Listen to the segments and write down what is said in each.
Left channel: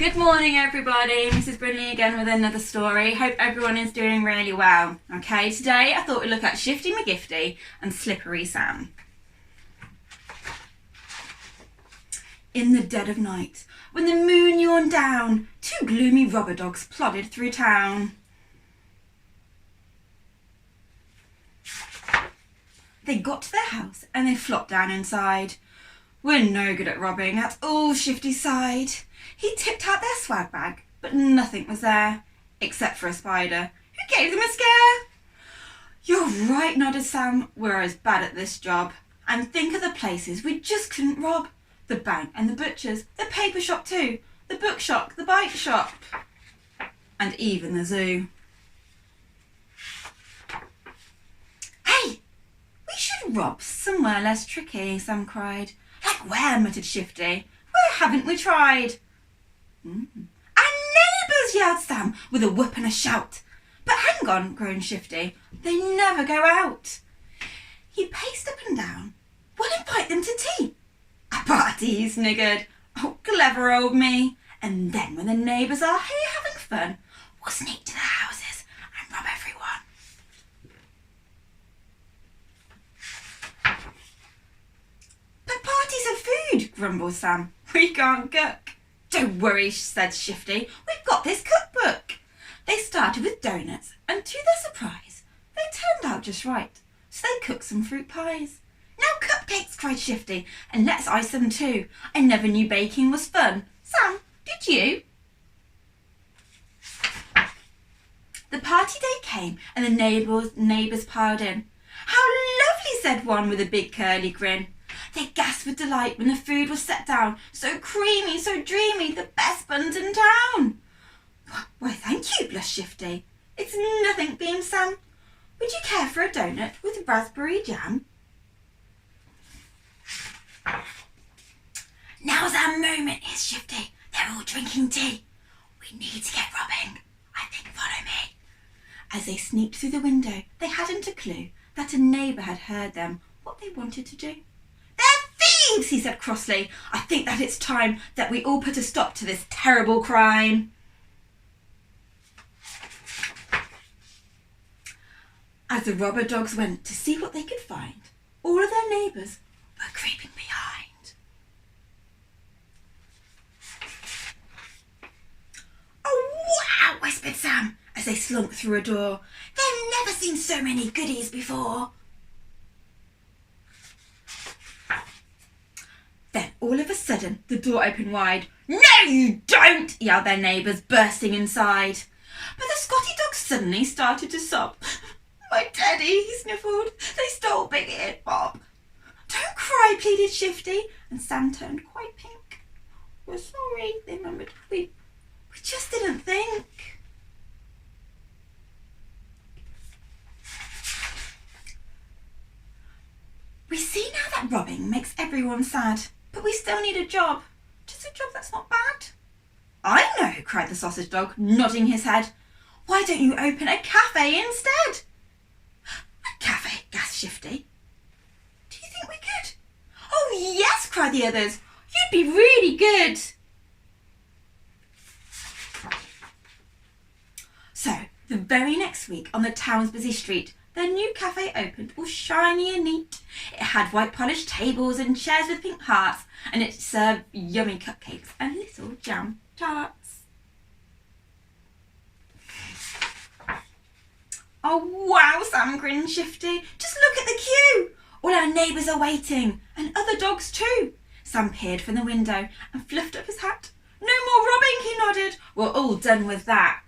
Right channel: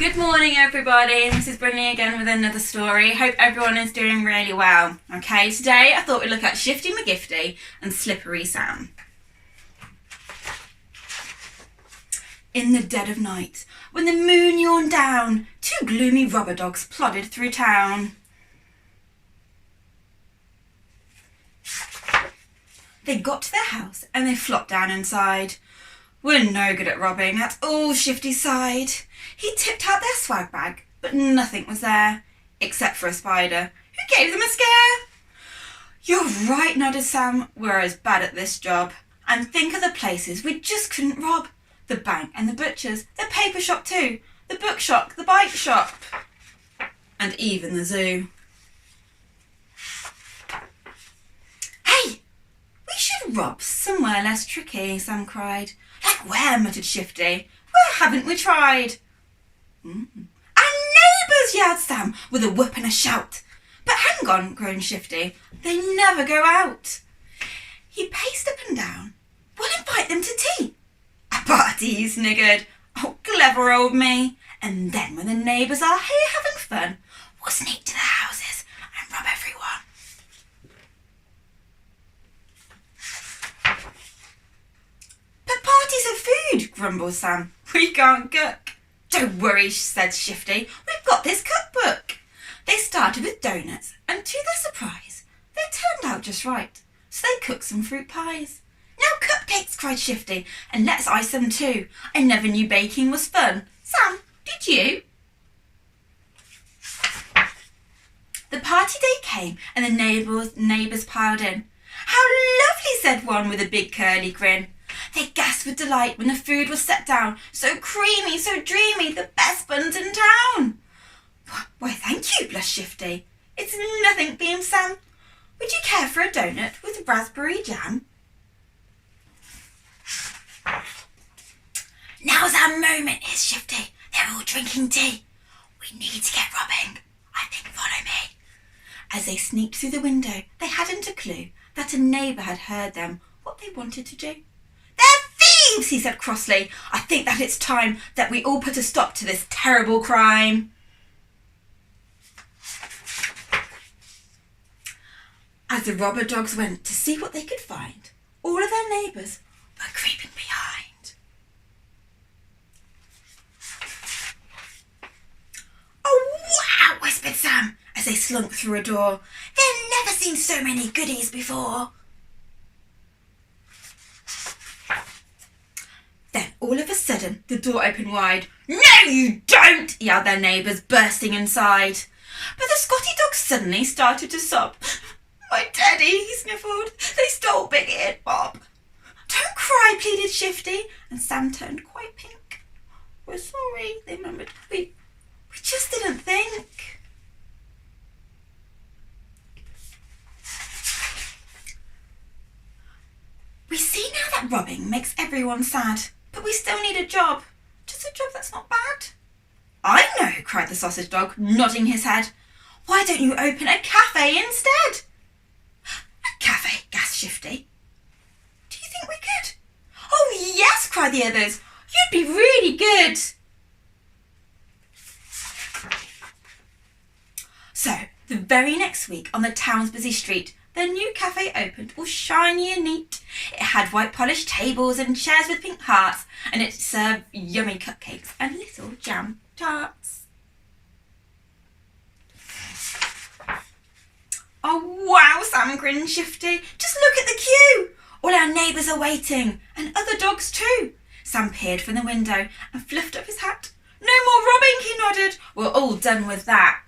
Good morning everybody, Mrs. Brindley again with another story. Hope everyone is doing really well. Okay, today I thought we'd look at Shifty McGifty and Slippery Sam. In the dead of night, when the moon yawned down, two gloomy rubber dogs plodded through town. They got to their house and they flopped down inside. We're no good at robbing, that's all Shifty sighed. He tipped out their swag bag, but nothing was there, except for a spider, who gave them a scare. You're right, nodded Sam, we're as bad at this job. And think of the places we just couldn't rob. The bank and the butcher's, the paper shop too, the bookshop, the bike shop, and even the zoo. Hey, we should rob somewhere less tricky, Sam cried. Like where, muttered Shifty. Where haven't we tried? Our neighbours, yelled Sam, with a whoop and a shout. But hang on, groaned Shifty, they never go out. He paced up and down. We'll invite them to tea. A party, he sniggered. Oh, clever old me. And then when the neighbours are here having fun, we'll sneak to the houses and rob everyone. But parties are food, grumbled Sam. We can't cook. Don't worry, said Shifty. We've got this cookbook. They started with donuts, and to their surprise, they turned out just right. So they cooked some fruit pies. Now cupcakes, cried Shifty, and let's ice them too. I never knew baking was fun. Sam, did you? The party day came, and the neighbours piled in. How lovely, said one with a big curly grin. They gasped with delight when the food was set down. So creamy, so dreamy, the best buns in town. Why, thank you, blushed Shifty. It's nothing, beamed Sam. Would you care for a donut with raspberry jam? Now's our moment, hissed Shifty. They're all drinking tea. We need to get robbing. I think follow me. As they sneaked through the window, they hadn't a clue that a neighbour had heard them, what they wanted to do. They're thieves, he said crossly. I think that it's time that we all put a stop to this terrible crime. As the robber dogs went to see what they could find, all of their neighbours were creeping behind. Oh, wow, whispered Sam as they slunk through a door. They've never seen so many goodies before. Then, all of a sudden, the door opened wide. No, you don't, yelled their neighbours, bursting inside. But the Scotty dog suddenly started to sob. My daddy, he sniffled. They stole Big-eared Bob. Don't cry, pleaded Shifty, and Sam turned quite pink. We're sorry, they murmured. We just didn't think. We see now that robbing makes everyone sad. But we still need a job. Just a job that's not bad. I know, cried the sausage dog, nodding his head. Why don't you open a cafe instead? A cafe, gasped Shifty. Do you think we could? Oh, yes, cried the others. You'd be really good. So, the very next week on the town's busy street, their new cafe opened, all shiny and neat. It had white polished tables and chairs with pink hearts, and it served yummy cupcakes and little jam tarts. Oh wow, Sam grinned Shifty. Just look at the queue. All our neighbours are waiting, and other dogs too. Sam peered from the window and fluffed up his hat. No more robbing, he nodded. We're all done with that.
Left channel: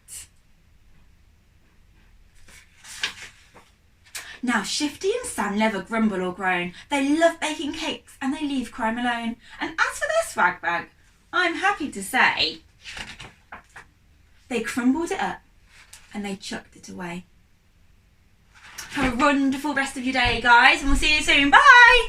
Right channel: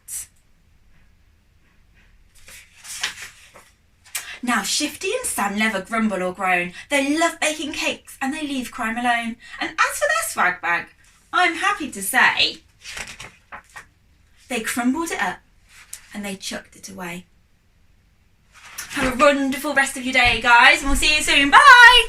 Now Shifty and Sam never grumble or groan. They love baking cakes and they leave crime alone. And as for their swag bag, I'm happy to say they crumbled it up and they chucked it away. Have a wonderful rest of your day, guys, and we'll see you soon. Bye!